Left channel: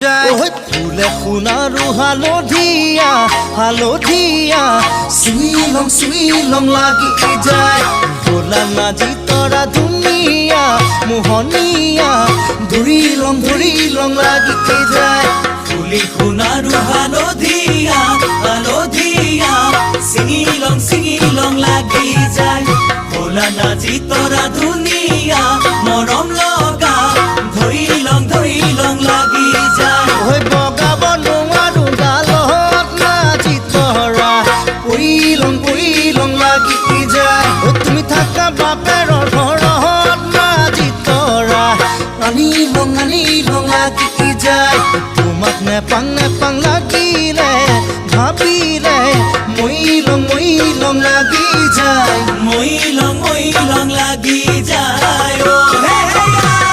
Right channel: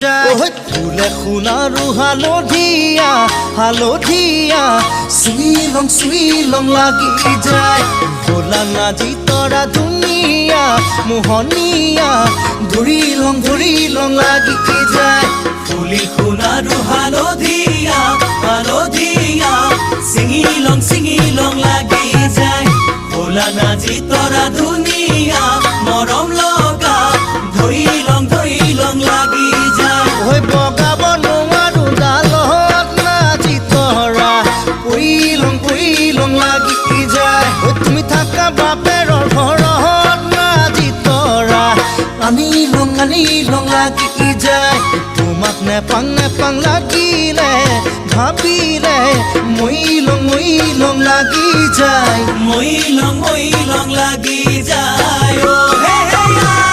ফুলে সোণাৰু হালধীয়া হালধীয়া চিঙিলং চিঙিলং লাগি যায় ভোলা নাজি তৰা ধুনীয়া মোহনীয়া ধৰিলং লাগি যায় ফুলি সোণাৰু হালধীয়া হালধীয়া চিঙিলং লাগি যায় ভোলা নাজি তৰা ধুনীয়া মৰম লগা ধৰিলং লাগি যায় বগাব নোৱাৰো ডালত নাজি তৰা পৰিলং লাগি যায় তুমি থাকা বাপেৰৰ ঘৰত নাজি তৰা আনিলং লাগি যায় তোমাক নেপাং লাগিলে ভাবিলে মইলং লাগি যায় মইলং লাগি যায় হে হে